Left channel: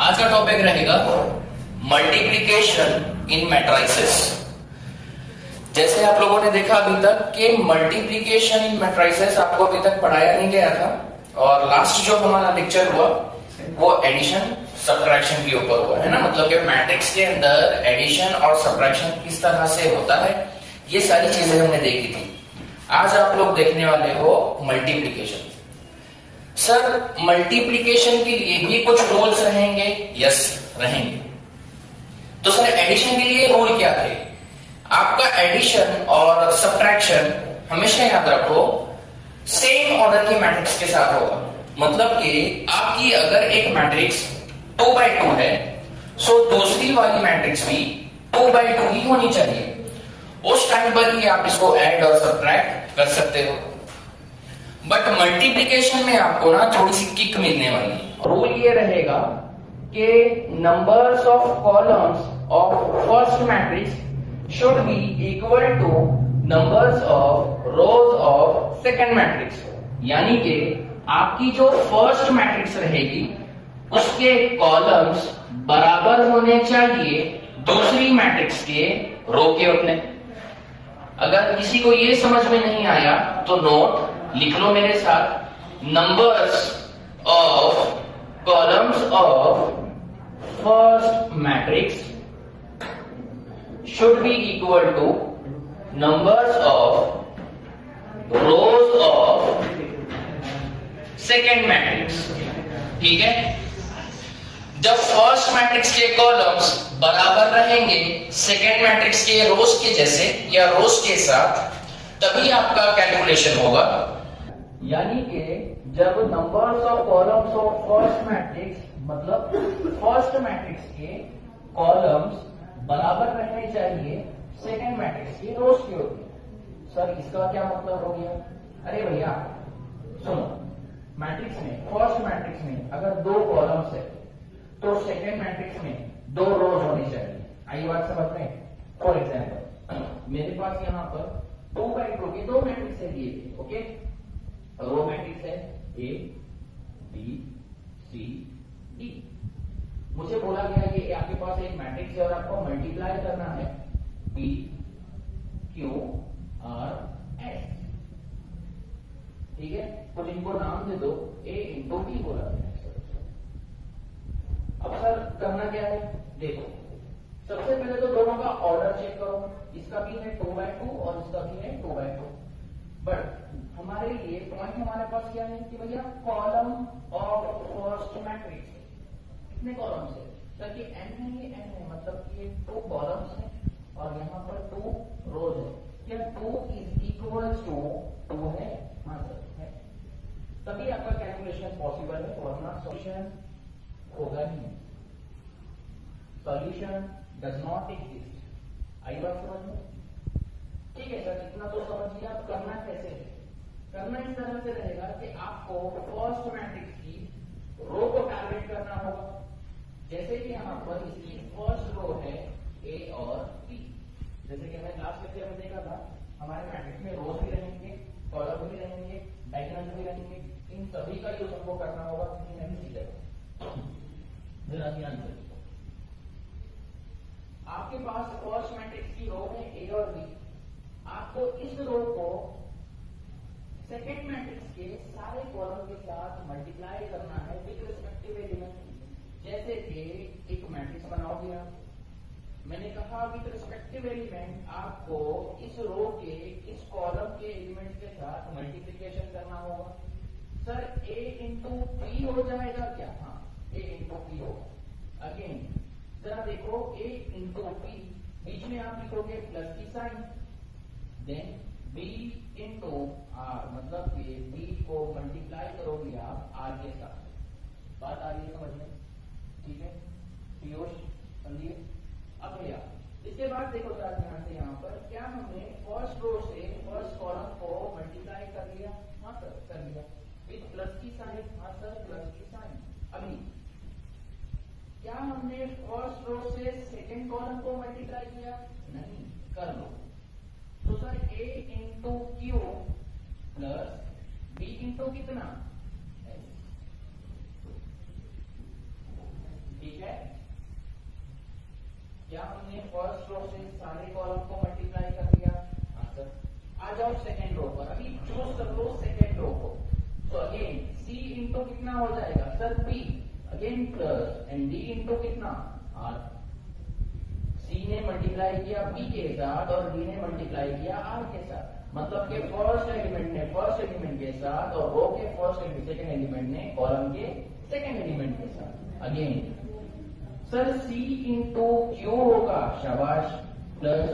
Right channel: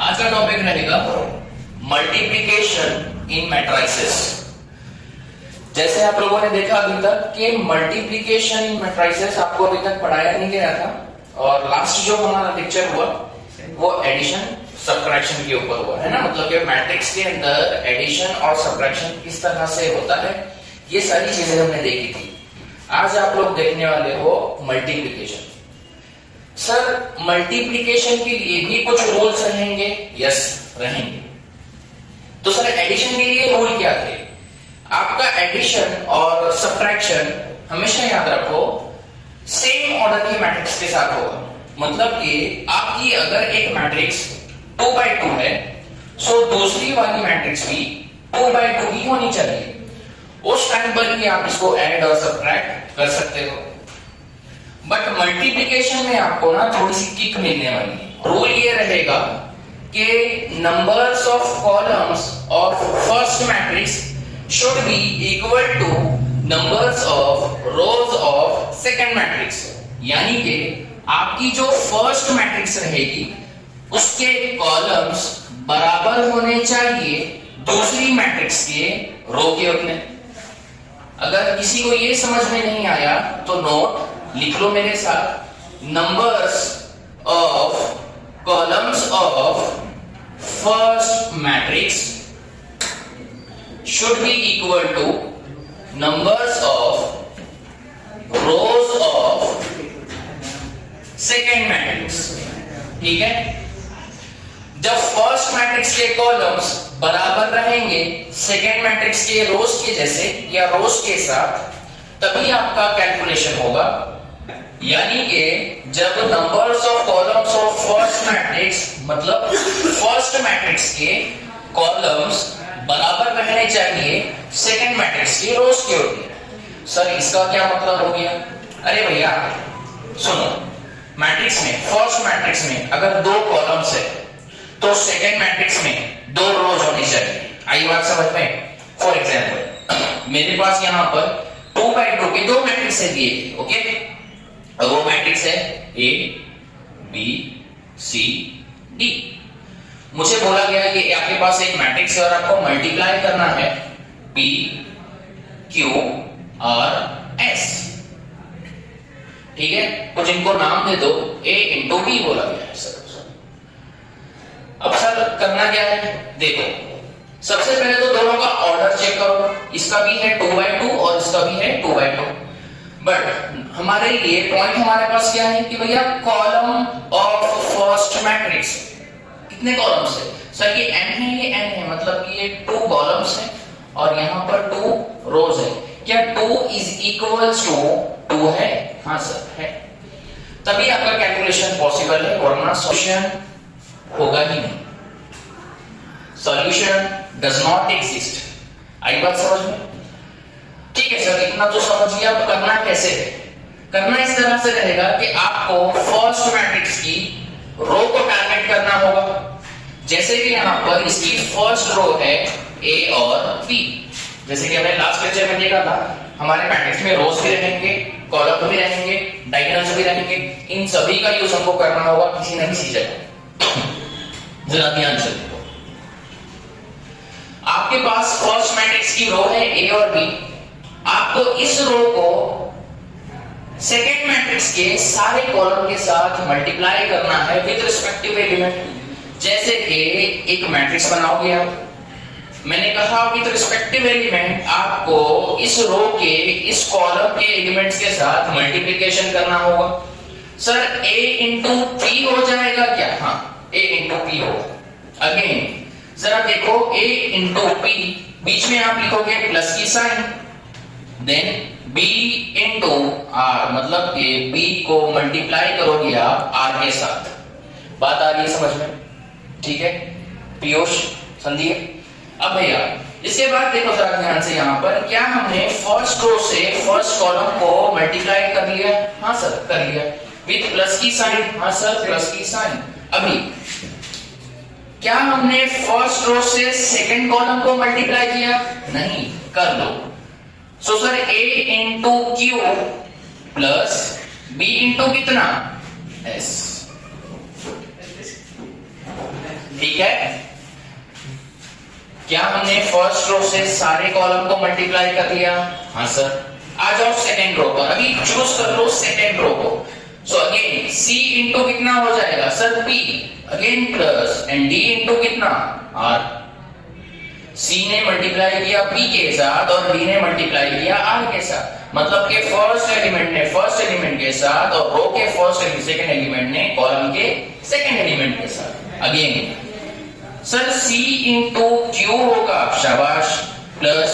आज का टॉपिक रहेगा मल्टीप्लिकेशन इन मैट्रिसेस। जैसे आप लोगों ने देखा अभी तक कि मल्टीप्लिकेशन इन मैट्रिसेस आपको अभी तक पढ़ाया नहीं गया था, और लास्ट जो हमारा लेक्चर हुआ वो एडिशन सब्ट्रैक्शन के ऊपर हुआ है ना। मतलब कि मैट्रिक्स के अंदर एडिशन और सब्ट्रैक्शन किस तरह से होता है, ये सारी चीजें हमने देखी थी। आज आप लोग देखने वाले हो मल्टीप्लिकेशन। सर मल्टीप्लिकेशन के लिए भी कुछ रूल्स रहेंगे? यस रहेंगे। तो सर एडिशन के लिए रूल क्या थे? आपका एडिशन और सब्ट्रैक्शन हमेशा याद रखो सेम ऑर्डर की मैट्रिक्स के साथ होगा। मतलब कि आपकी अगर एक मैट्रिक्स 2x2 है, सो दूसरी वाली मैट्रिक्स भी 2x2 ही होनी चाहिए। उस टाइम पर ही आप इसको ऐड और सब्ट्रैक्ट कर सकते हो। बट मल्टीप्लिकेशन में आपको ना थोड़ी सी किक मिलने वाली है। रूल ये रहेगा कि numbers of columns of first matrix should be equal two numbers of rose of second matrix. यानी कि आपकी जो फर्स्ट मैट्रिक्स रहेगी उसके कॉलम्स बराबर होने चाहिए दूसरी मैट्रिक्स के रो के उतने। अगर किसी को ये समझ में नहीं आया तो नोट लिख लो मेरे साथ। Numbers of columns of first matrix should be equal two numbers of rose of second matrix. ठीक है, जब फर्स्ट मैट्रिक्स के कॉलम्स बराबर रहेंगे सेकेंड मैट्रिक्स के रोज के जैसे या रोज के साथ, तभी आपका कैलकुलेशन होगा। यानी कि जब numbers of columns of first matrix मतलब फर्स्ट मैट्रिक्स के कॉलम्स बराबर रहने चाहिए सेकेंड मैट्रिक्स के रोज के होते। सर इसका क्या मतलब हो गया? अरे भैया सुनो, मैट्रिक्स में फर्स्ट मैट्रिक्स में अगर 2 कॉलम्स है तो सेकेंड मैट्रिक्स में 2 रोज होनी चाहिए। आई बात समझ में? फॉर एग्जाम्पल मेरे पास यहां पर 2x2 के 2 मैट्रिक्स है दिए, ओके। और वो मैट्रिक्स है A, B, C, D। मुझे बोला गया कि आपके पास एक मैट्रिक्स है और आपको मल्टीप्लाई करना है P, Q और S। ठीक है, कुछ इनको नाम दे दो। A इंटू B बोला गया है सर। अब सर करना क्या है? देखो सबसे पहले तो दोनों का ऑर्डर चेक करो। इसका भी है 2x2 और इसका भी है 2x2। बट हमारे लिए पॉइंट हमारे पास क्या है कि भैया कॉलम ऑफ फर्स्ट मैट्रिक्स कितने कॉलम्स है? सर ये n है, ये n है, मतलब कि ये 2 कॉलम्स है और यहां पर 2 रोज है। क्या 2 इज इक्वल्स टू 2 है? हाँ सर है। तभी आपका कैलकुलेशन पॉसिबल है, वरना सॉल्यूशन होगा ही नहीं। Solution does not exist. आई बात समझ में? ठीक है सर, इतना तो समझ लिया। अब करना कैसे है? करना इस तरह से रहेगा कि आपको फर्स्ट मैट्रिक्स की रो को टारगेट करना होगा। जैसे कि यहां पर इसकी फर्स्ट रो है A और B। जैसे कि हमने लास्ट लेक्चर में देखा था, हमारे मैट्रिक्स में रोज भी रहेंगे, कॉलम भी रहेंगे, डायगोनल्स भी रहेंगे। इन सभी का यूज हमको करना होगा किसी न किसी जगह। जरा ध्यान से देखो, आपके पास फर्स्ट मैट्रिक्स की रो है A और B। आपको इस रो को सेकेंड मैट्रिक्स के सारे कॉलम के साथ मल्टीप्लाई करना है विद रिस्पेक्टिव एलिमेंट। जैसे कि एक मैट्रिक्स बनाओगे आप, मैंने कहा विद रिस्पेक्टिव एलिमेंट आपको इस रो के इस कॉलम के एलिमेंट्स के साथ मल्टीप्लिकेशन करना होगा। सर A इंटू P हो जाएगा क्या? हाँ, A इंटू P होगा। अगेन जरा देखो, A इंटू P, बीच में आप लिखोगे प्लस की sign, then B into R, मतलब कि B को मल्टीप्लाई करोगे आप R के साथ। बात आ रही है समझ में? ठीक है पीयूष, समझिए। अब भैया इसके बाद देखो जरा ध्यान से, यहां पर क्या हमने फर्स्ट रो से फर्स्ट कॉलम को मल्टीप्लाई कर लिया? हाँ सर कर लिया, विद प्लस की साइन। हाँ सर प्लस की साइन। अभी क्या हमने फर्स्ट रो से सेकंड कॉलम को मल्टीप्लाई किया? नहीं, कर लो। So sir A into Q plus B into कितना? S। ठीक है, क्या हमने फर्स्ट रो से सारे कॉलम को मल्टीप्लाई कर लिया? हाँ सर। आ जाओ सेकेंड रो पर, अभी चूज कर लो सेकेंड रो को। सो अगेन C इंटू कितना हो जाएगा sir? P again plus and D into कितना? R। C ने मल्टीप्लाई किया P के साथ और D ने मल्टीप्लाई किया R के साथ, मतलब कि फर्स्ट एलिमेंट ने फर्स्ट एलिमेंट के साथ और रो के फर्स्ट सेकेंड एलिमेंट ने कॉलम के सेकेंड एलिमेंट के साथ। Again sir C into Q होगा, शाबाश, प्लस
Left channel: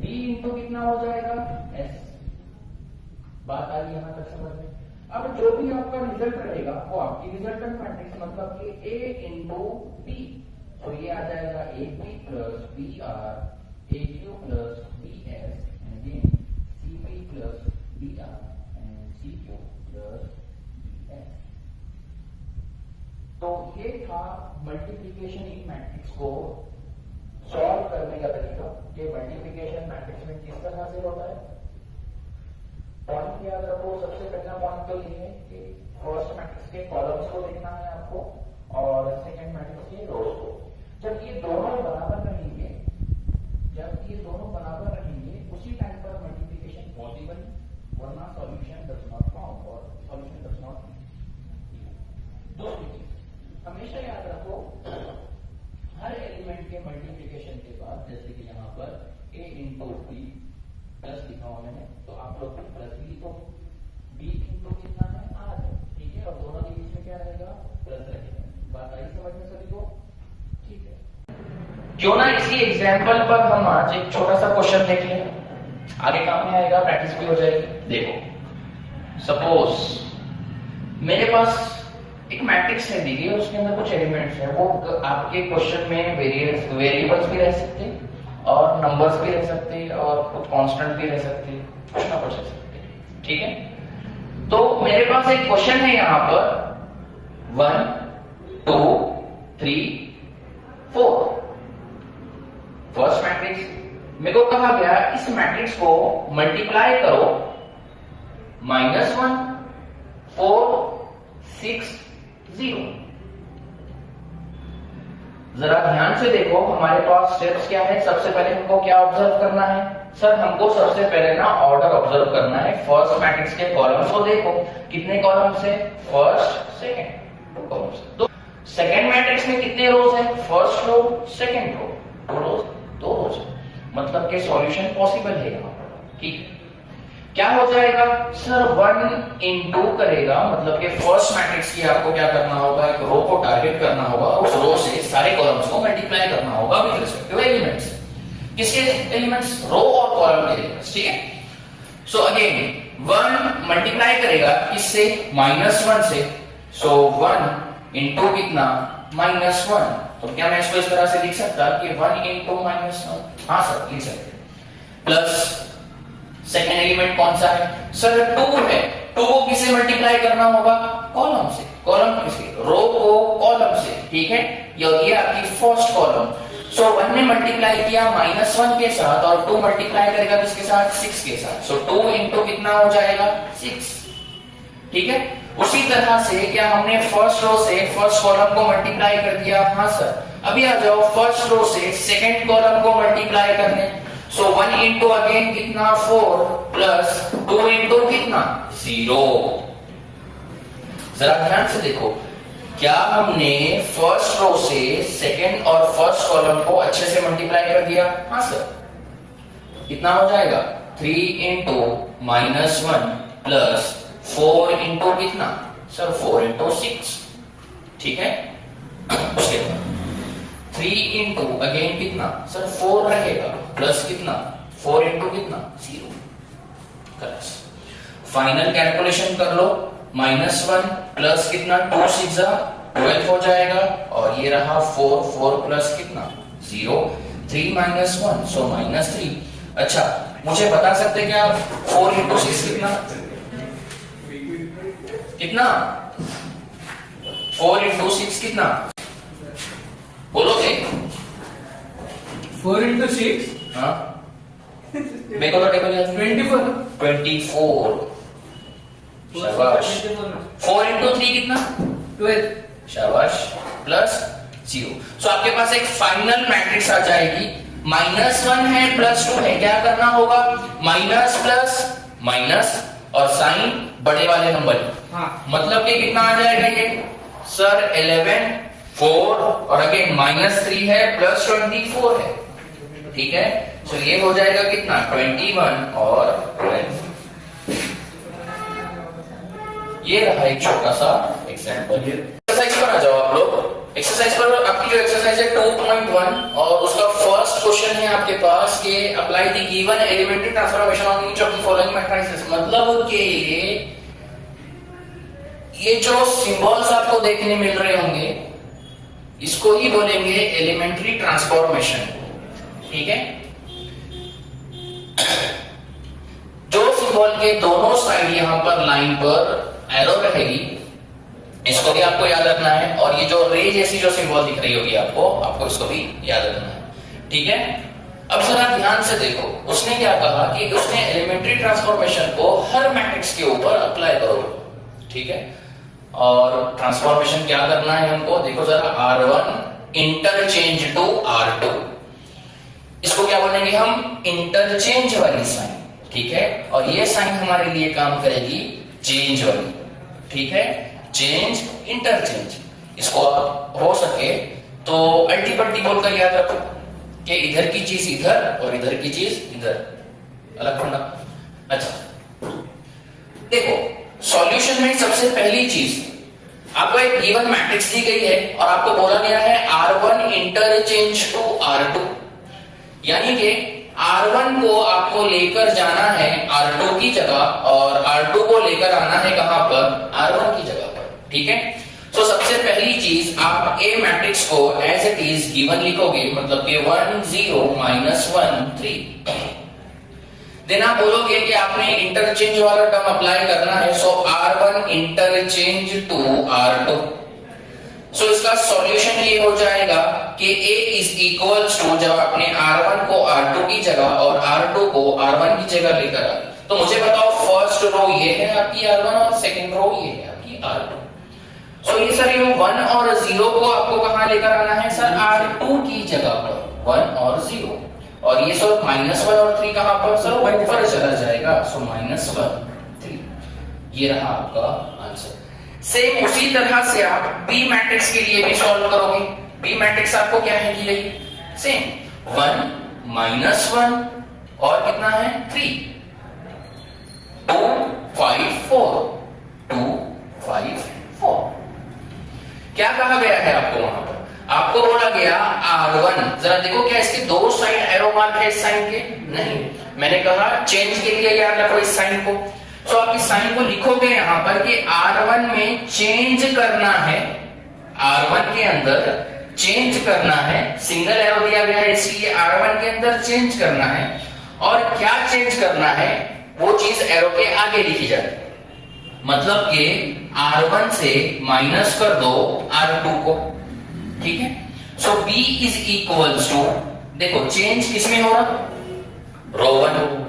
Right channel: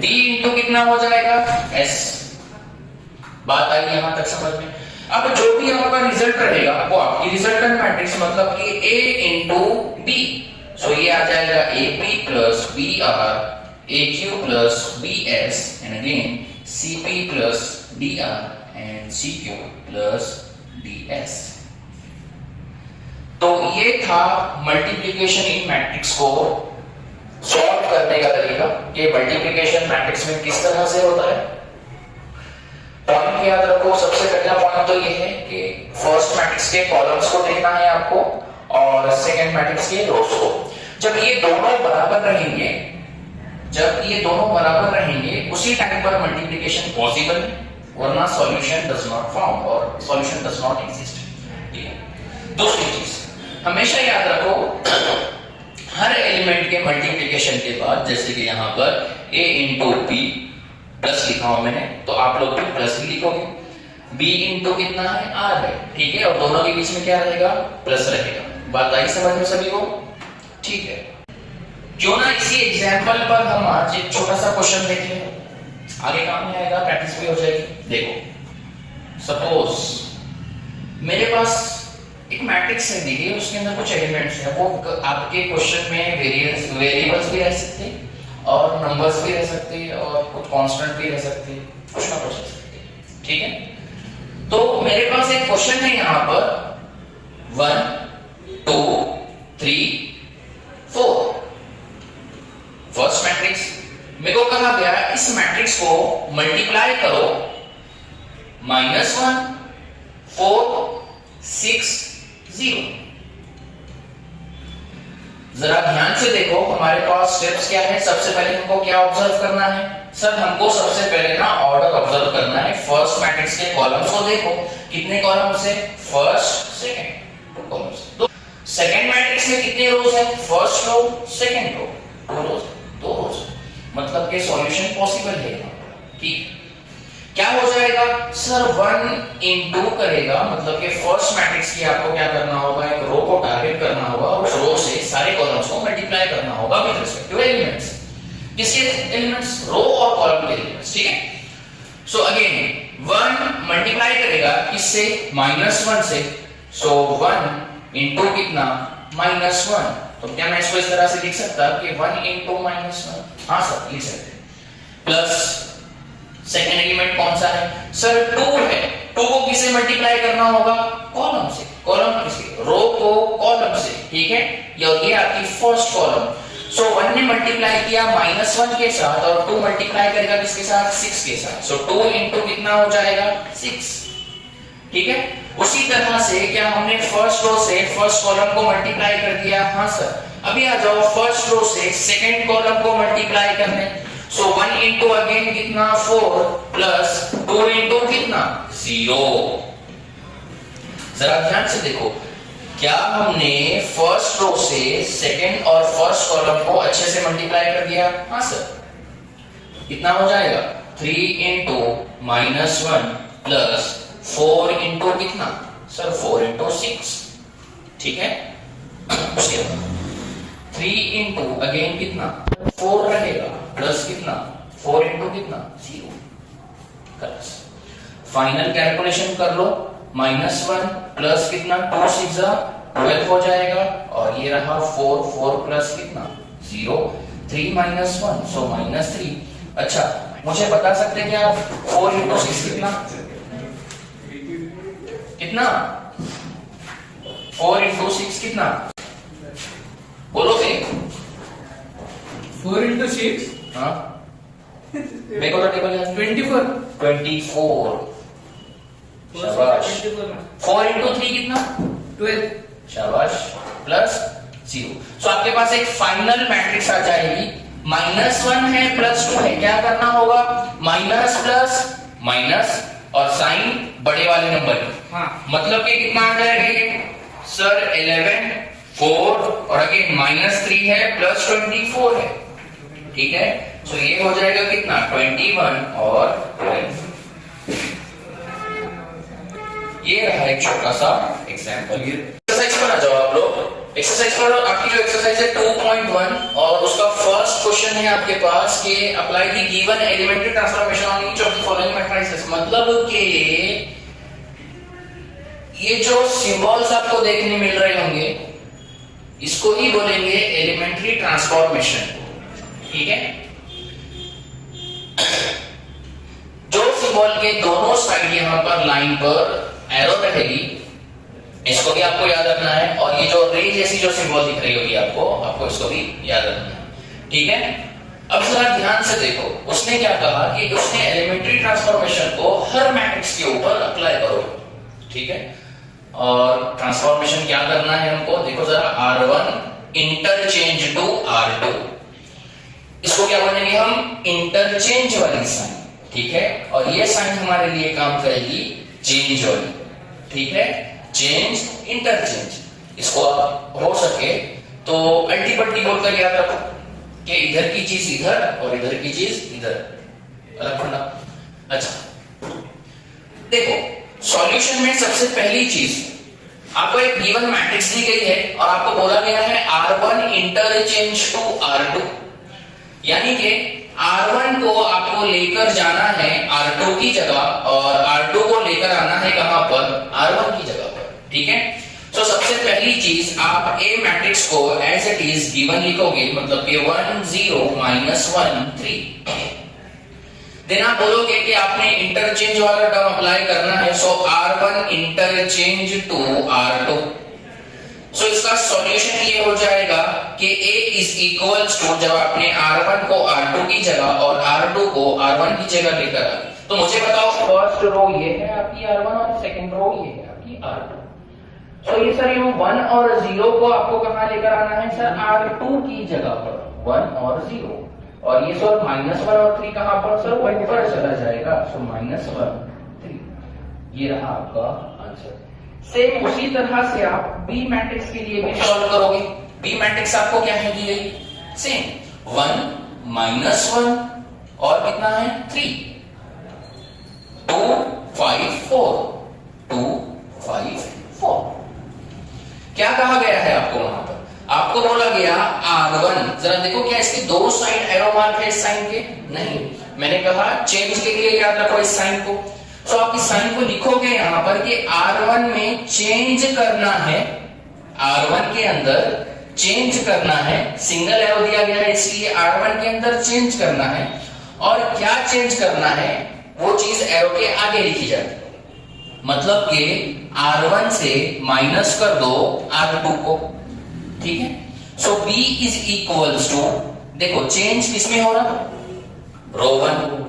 D इंटू कितना हो जाएगा? S। बात आई यहां तक समझ में? अब जो भी आपका रिजल्ट रहेगा वो आपकी रिजल्टेंट मैट्रिक्स, मतलब कि A इंटू B। सो ये आ जाएगा AP plus BR, AQ plus BS and again CP plus DR and CQ plus DS। तो ये था मल्टीप्लिकेशन इन मैट्रिक्स को सॉल्व करने का तरीका कि मल्टीप्लिकेशन मैट्रिक्स में किस तरह से होता है। पॉइंट याद रखो, सबसे पहला पॉइंट तो ये है कि फर्स्ट मैट्रिक्स के कॉलम्स को देखना है आपको और सेकंड मैट्रिक्स के रोज को। जब ये दोनों बराबर रहेंगे, उसी टाइम पर मल्टीप्लिकेशन पॉसिबल है, वरना सॉल्यूशन डज नॉट फाउंड और सॉल्यूशन डज नॉट एग्जिस्ट। दूसरी चीज हमेशा याद रखो, हर एलिमेंट के मल्टीप्लिकेशन के बाद, जैसे कि यहाँ पर A इंटू P प्लस लिखा हूं मैंने, तो आप लोग भी प्लस ही लिखोगे। B इंटू कितना है? R है, ठीक है, और दोनों के बीच में क्या रहेगा? प्लस रहेगा। बात आई समझ में सभी को? ठीक है, क्यों ना इसी एग्जाम्पल पर हम आज एक छोटा सा क्वेश्चन देख लें, आगे काम में आएगा, प्रैक्टिस भी हो जाएगी। देखो, सपोज मेरे पास एक मैट्रिक्स है, देखिए उसके अंदर कुछ एलिमेंट्स हैं, वो आपके क्वेश्चन में वेरिएबल्स भी रह सकते हैं और नंबर्स भी रह सकते हैं और कुछ कांस्टेंट भी रह सकते हैं, कुछ ना कुछ रह सकते हैं, ठीक है। तो मेरे पास एक क्वेश्चन है यहाँ पर 1 2 3 4 फर्स्ट मैट्रिक्स। मेरे को कहा गया इस मैट्रिक्स को मल्टीप्लाई करो -1 4 6 0। जरा ध्यान से देखो, हमारे पास स्टेप्स क्या है। सबसे पहले हमको क्या ऑब्जर्व करना है सर? हमको सबसे पहले ना ऑर्डर ऑब्जर्व करना है। फर्स्ट मैट्रिक्स के कॉलम्स को देखो, कितने कॉलम्स है? First second, 2 columns. तो सेकंड मैट्रिक्स में कितने रोज है? फर्स्ट रो सेकंड रो, 2 रोज, मतलब के सॉल्यूशन पॉसिबल है यहाँ पर, ठीक। क्या हो जाएगा सर? 1 इंटू करेगा, मतलब कि फर्स्ट मैट्रिक्स की आपको क्या करना होगा? एक रो को टारगेट करना होगा, उस रो से सारे कॉलम्स को मल्टीप्लाई करना होगा विद रिस्पेक्ट टू एलिमेंट्स। किसके एलिमेंट्स? रो और कॉलम के एलिमेंट्स, ठीक है। सो अगेन 1 मल्टीप्लाई करेगा किससे? -1 से। सो 1 इंटू कितना? -1। तो क्या मैं इसको इस तरह से लिख सकता कि 1 इंटू -1? हाँ सर, लिख सकते। प्लस सेकेंड एलिमेंट कौन सा है सर? 2 है। 2 को किससे मल्टीप्लाई करना होगा? कॉलम से। कॉलम किसके? रो को कॉलम से, ठीक है। ये आपकी फर्स्ट कॉलम। सो 1 ने मल्टीप्लाई किया -1 के साथ और 2 मल्टीप्लाई करेगा किसके साथ? 6 के साथ। सो 2 इंटू कितना हो जाएगा? 6, ठीक है। उसी तरह से क्या हमने फर्स्ट रो से फर्स्ट कॉलम को मल्टीप्लाई कर दिया? हाँ सर। अभी आ जाओ फर्स्ट रो से सेकेंड कॉलम को मल्टीप्लाई करने। सो 1 इंटू अगेन कितना? 4 प्लस 2 इंटू कितना? 0। जरा ध्यान से देखो, क्या हमने फर्स्ट रो से सेकेंड और फर्स्ट कॉलम को अच्छे से मल्टीप्लाई कर दिया? हाँ सर। कितना हो जाएगा? 3 इंटू -1 प्लस 4 इंटू कितना सर? 4 इंटू 6, ठीक है। उसके बाद 3 इंटू अगेन कितना सर? 4 रहेगा प्लस कितना? 4 इंटू कितना? 0। फाइनल कैलकुलेशन कर लो, -1 प्लस कितना? 2 6 12 हो जाएगा और ये रहा 4 प्लस कितना? 0। 3 -1 सो -3। अच्छा, मुझे बता सकते हैं क्या 4 इंटू 6 कितना? 4 इंटू 6 कितना? बोलो थे। 4 इंटू 6, हाँ मेरे को तो टेबल याद। 24। शाबाश। 4 इंटू 3 कितना? 12। शाबाश। प्लस 0। सो आपके पास एक फाइनल मैट्रिक्स आ जाएगी, -1 है +2 है, क्या करना होगा, माइनस प्लस माइनस और साइन बड़े वाले नंबर की। हाँ। मतलब कि कितना आ जाएगा ये सर 11 4 और अगेन -3 है +24 है, ठीक है। सो ये हो जाएगा कितना 21 और 12। ये रहा एक छोटा सा एग्जाम्पल। एक्सरसाइज पर आ जाओ आप लोग। एक्सरसाइज पर आपकी जो एक्सरसाइज है 2.1 और उसका फर्स्ट क्वेश्चन है आपके पास कि apply the given elementary transformation on each of the following matrices. मतलब कि ये जो सिंबल्स आपको देखने मिल रहे होंगे इसको ही बोलेंगे एलिमेंट्री ट्रांसफॉर्मेशन, ठीक है। जो सिंबल के दोनों साइड यहां पर लाइन पर एरो रहेगी इसको भी आपको याद रखना है, और ये जो रे जैसी जो सिंबल दिख रही होगी आपको इसको भी याद रखना है, ठीक है। अब जरा ध्यान से देखो, उसने क्या कहा कि उसने एलिमेंट्री ट्रांसफॉर्मेशन को हर मैट्रिक्स के ऊपर अप्लाई करो, ठीक है। और ट्रांसफॉर्मेशन क्या करना है हमको, देखो जरा R1 इंटरचेंज टू R2, इसको क्या बोलेंगे हम, इंटरचेंज वाली साइन, ठीक है। और ये साइन हमारे लिए काम करेगी चेंज वाली, ठीक है, चेंज इंटरचेंज। इसको आप हो सके तो अल्टी पल्टी बोलकर याद रखो कि इधर की चीज इधर और इधर की चीज इधर, अलग करना। अच्छा देखो, सॉल्यूशन में सबसे पहली चीज आपको एक गिवन मैट्रिक्स दी गई है और आपको बोला गया है R1 इंटरचेंज टू R2, यानी कि R1 को आपको लेकर जाना है R2 की जगह और R2 को लेकर आना है कहां पर, R1 की जगह पर, ठीक है। तो सबसे पहली चीज आप ए मैट्रिक्स को एज इट इज गिवन लिखोगे, मतलब कि 1 0 -1 3। देन आप बोलोगे कि आपने इंटरचेंज वाला टर्म अप्लाई करना है, सो R1 इंटरचेंज टू R2। सो इसका सॉल्यूशन ये हो जाएगा कि A इज इक्वल्स टू, जब आपने R1 को R2 की जगह और R2 को R1 की जगह लेकर आ गए, तो मुझे बताओ फर्स्ट रो ये है आपकी R1 और सेकंड रो ये है आपकी R2। सो ये सर ये 1 और 0 को आपको कहां लेकर आना है सर, R2 की जगह पर 1 और 0, और ये सर -1 और 3 कहां पर सर, ऊपर चला जाएगा, सो -1 3। ये रहा आपका आंसर। सेम उसी तरह से आप बी मैट्रिक्स के लिए भी सॉल्व करोगे। बी मैट्रिक्स आपको क्या है दी गई, सेम 1 -1 और कितना है 3 2 5 4 2 5 4। क्या कहा गया है आपको वहां पर, आपको बोला गया R1, जरा देखो क्या इसके दो साइड एरो मार्क है इस साइन के, नहीं, मैंने कहा चेंज के लिए याद रखो इस साइन को। तो आप इस साइन को लिखोगे यहां पर कि R1 में चेंज करना है, R1 के अंदर चेंज करना है, सिंगल एरो दिया गया है इसलिए R1 के अंदर चेंज करना है, और क्या चेंज करना है वो चीज एरो के आगे लिखी जाती है। मतलब कि R1 से माइनस कर दो R2 को, ठीक है। सो B इज इक्वल्स टू, देखो चेंज किसमें हो रहा, रो 1।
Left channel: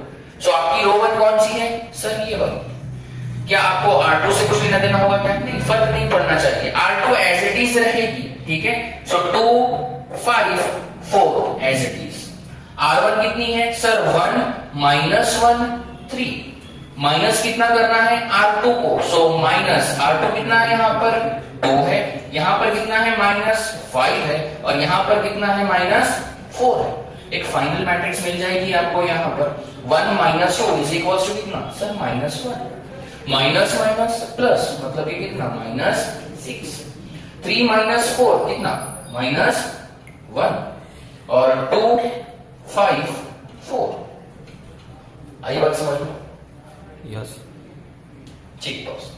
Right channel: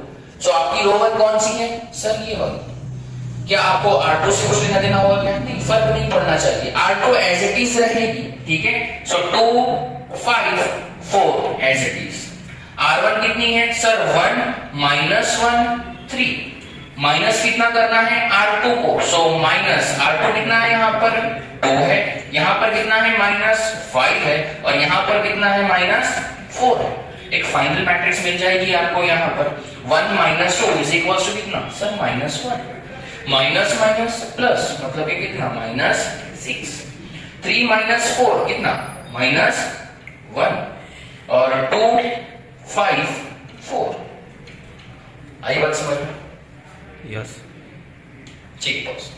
सो आपकी रो 1 कौन सी है सर, ये वाली। क्या आपको R2 से कुछ लेना देना होगा क्या, नहीं, फर्क नहीं पड़ना चाहिए, R2 एज इट इज रहेगी, ठीक है। सो 2 5 4 एज इट इज। R1 कितनी है सर, 1 -1 3, माइनस कितना करना है R2 को, सो माइनस R2 कितना है यहाँ पर 2 है, यहाँ पर कितना है -5 है, और यहाँ पर कितना है -4 है। एक फाइनल मैट्रिक्स मिल जाएगी आपको यहाँ पर 1 - 2 इज इक्वल टू कितना सर, -1 माइनस माइनस प्लस, मतलब ये कितना -6, 3 - 4 कितना -1, और 2 5 4। आई बात समझ में, यस, ठीक बॉस।